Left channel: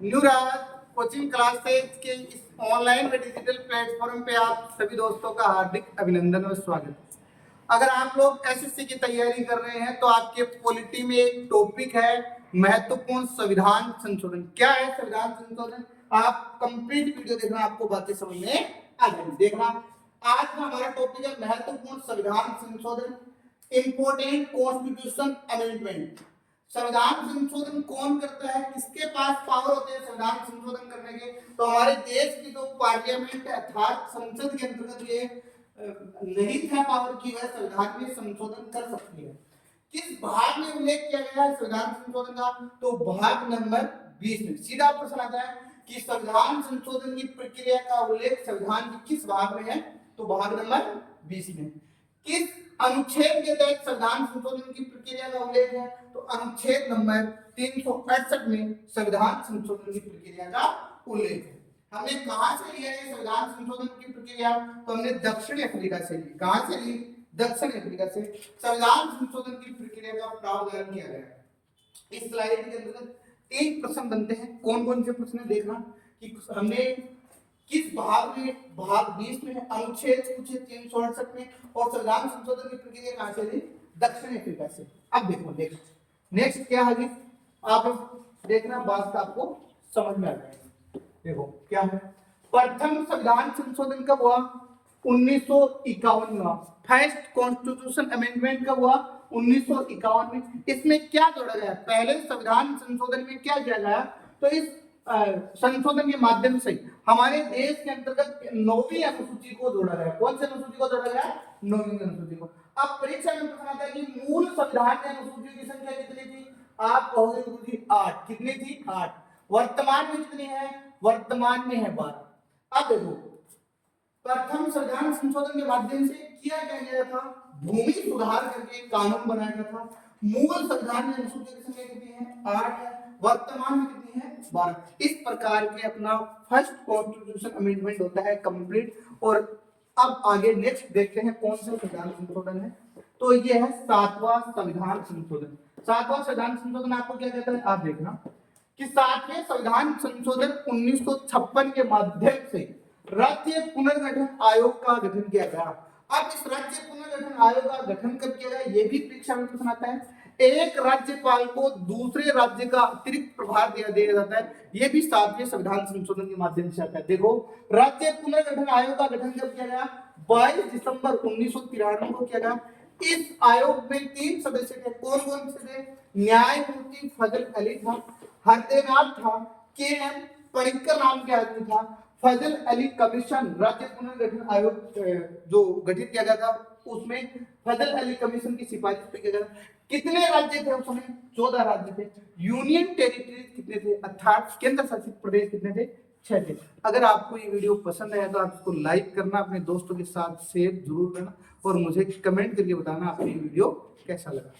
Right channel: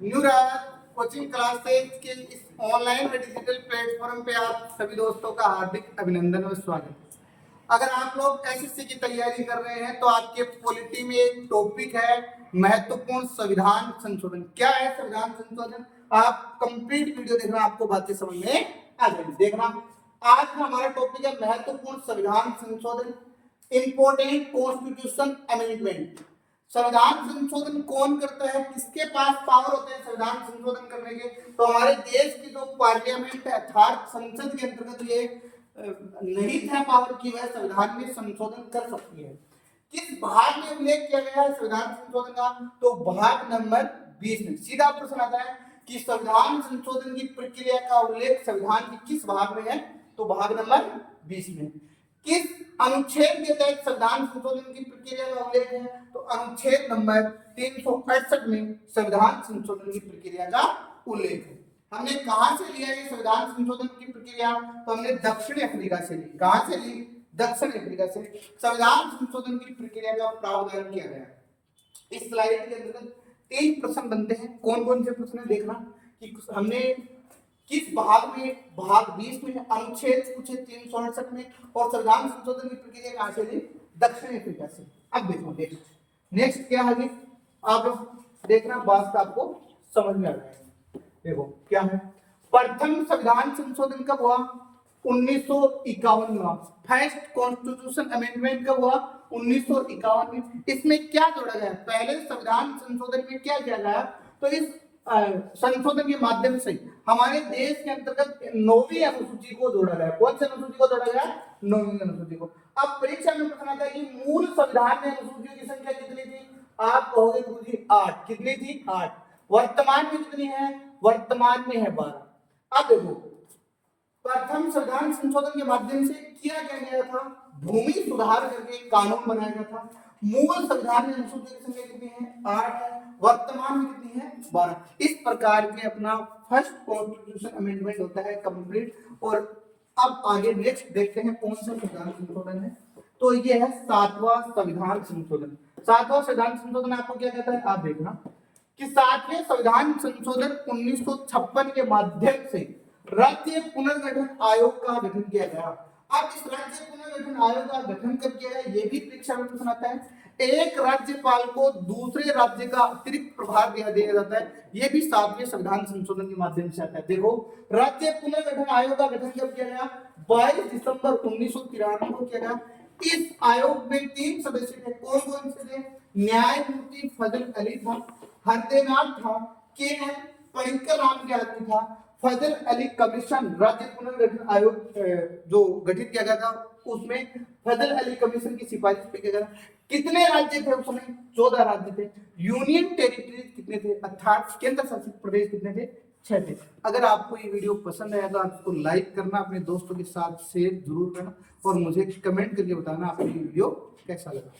New राज coaching classes के इस online व डिजिटल प्लेटफॉर्म पे आप सभी दोस्तों का हार्दिक अभिनंदन और स्वागत है। अगर आप लोग एसएससी की तैयारी कर रहे हैं तो आपके पॉलिटी में एक टॉपिक है महत्वपूर्ण संविधान संशोधन। क्या है संविधान संशोधन? आप कंप्लीट वीडियो देखना, आपको बातें समझ में आ जाएगी। देखना, आज का हमारा टॉपिक है महत्वपूर्ण संविधान संशोधन, इंपोर्टेंट कॉन्स्टिट्यूशन अमेंडमेंट। संविधान संशोधन कौन करता है, किसके पास पावर होते हैं संविधान संशोधन करने के? तो हमारे देश की जो पार्लियामेंट अर्थात संसद के अंतर्गत ये नहीं है पावर की वह संविधान में संशोधन कर सकती है। किस भाग में उल्लेख किया गया है संविधान संशोधन का? तो भाग नंबर 20 में। सीधा प्रश्न आता है कि संविधान संशोधन की प्रक्रिया का उल्लेख संविधान के किस भाग में है? तो भाग नंबर 20 में। किस अनुच्छेद के तहत संविधान संशोधन की प्रक्रिया का उल्लेख है? तो अनुच्छेद नंबर 368 में संविधान संशोधन की प्रक्रिया का उल्लेख है। हमने कहां से लिया है संविधान संशोधन की प्रक्रिया? तो हमने दक्षिण अफ्रीका से ली। कहां से ली? दक्षिण अफ्रीका से। संविधान संशोधन की प्रक्रिया का प्रावधान किया गया। इस स्लाइड के अंतर्गत 3 प्रश्न बनते हैं। कौन कौन से प्रश्न देखना कि हमने किस भाग में, भाग 20 में अनुच्छेद पूछे 368 में, और संविधान संशोधन की प्रक्रिया कहां से ली? दक्षिण अफ्रीका से। अब देखो नेक्स्ट क्या है, आप देखना, बात आपको समझ में आ जाएगी। देखो क्या है, प्रथम संविधान संशोधन कब हुआ? 1951 में हुआ। फर्स्ट कॉन्स्टिट्यूशन अमेंडमेंट कब हुआ? 1951 में। इसमें क्या जोड़ा गया? पहले संविधान संशोधन में क्या किया गया? तो इस संशोधन के माध्यम से हमारे देश के अंतर्गत 9वीं अनुसूची को जोड़ा गया। कौन सी अनुसूची को जोड़ा गया? 9वीं अनुसूची को। अब परीक्षा में प्रश्न आता है कि मूल संविधान में अनुसूचियों की संख्या कितनी थी? आप कहोगे गुरु जी 8। कितनी थी? 8। वर्तमान में कितनी है? वर्तमान में है 12। अब देखो, प्रथम संविधान संशोधन के माध्यम से किया क्या गया था? भूमि सुधार करके कानून बनाया गया था। मूल संविधान में अनुसूचियों की संख्या कितनी है? 8 है। वर्तमान में कितनी है? 12। इस प्रकार के अपना फर्स्ट कॉन्स्टिट्यूशन अमेंडमेंट होता है कंप्लीट। और अब आगे नेक्स्ट देखते हैं कौन सा संविधान संशोधन है। तो ये है 7वां संविधान संशोधन। 7वां संविधान संशोधन आपको क्या कहता है? आप देखना कि 7वें संविधान संशोधन 1956 के माध्यम से राज्य पुनर्गठन आयोग का गठन किया गया। अब इस राज्य पुनर्गठन आयोग का गठन कब किया गया? ये भी परीक्षा में प्रश्न आता है। एक राज्यपाल को दूसरे राज्य का अतिरिक्त प्रभार दिया जाता है। ये भी 7वें संविधान संशोधन के माध्यम से आता है। देखो, राज्य पुनर्गठन आयोग का गठन कब किया गया? 22 दिसंबर 1993 को किया गया। इस आयोग में 3 सदस्य थे। कौन कौन से थे? न्यायमूर्ति फजल अली था, हरदेनाथ था, के एम पनिक्कर नाम के आदमी था। फजल अली कमीशन, राज्य पुनर्गठन आयोग जो गठित किया गया था उसमें फजल अली कमीशन की सिफारिश पे किया गया। कितने राज्य थे उस समय? 14 राज्य थे। यूनियन टेरिटरीज कितने थे? अर्थात केंद्र शासित प्रदेश कितने थे? 6 थे। अगर आपको ये वीडियो पसंद आया तो आप इसको लाइक करना, अपने दोस्तों के साथ शेयर जरूर करना, और मुझे कमेंट करके बताना आपको ये वीडियो कैसा लगा।